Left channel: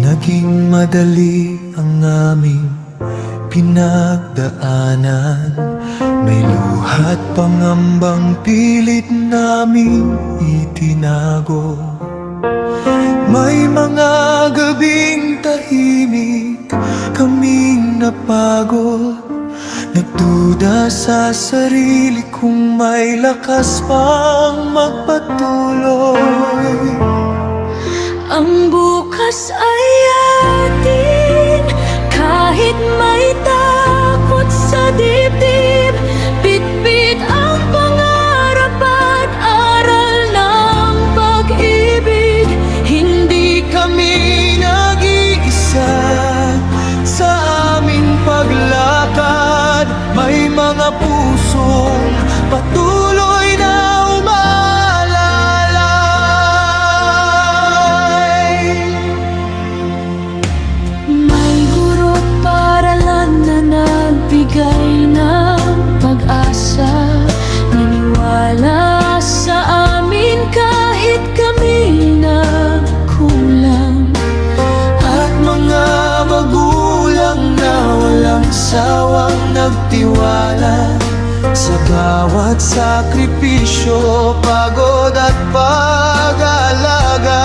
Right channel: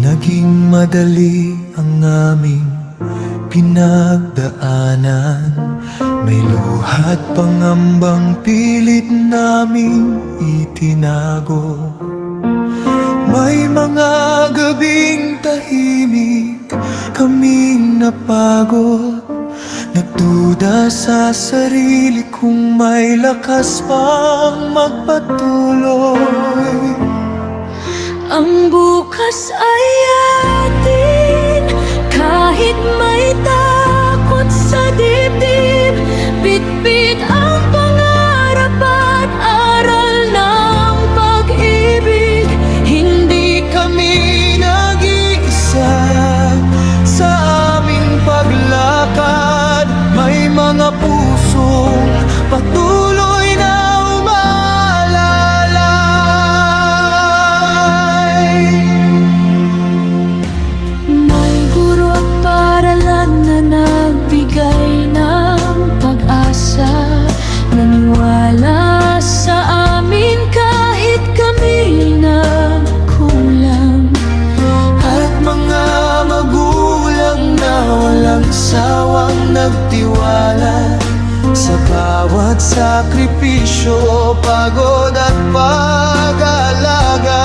naging madali ang aming pinagdaanan. May luhat pangambang pilit naming itinago. May mga gabing tahimik kaming napagod, nagduda sa sarili kung may lakas pang magpatuloy. Ang bukas ay atin, kahit may takot sa dibdib. Bitbit ang pangarap at aral ng pag-ibig. Hindi kami nag-iisa sa aming paglakad. May mga pusong patuloy na nagbigay ng pag-asa, naniwala sa amin kahit kami nagkulang. At mga magulang na walang sawang nagtiwala sa bawat sakripisyo, pagod at pag-alaga.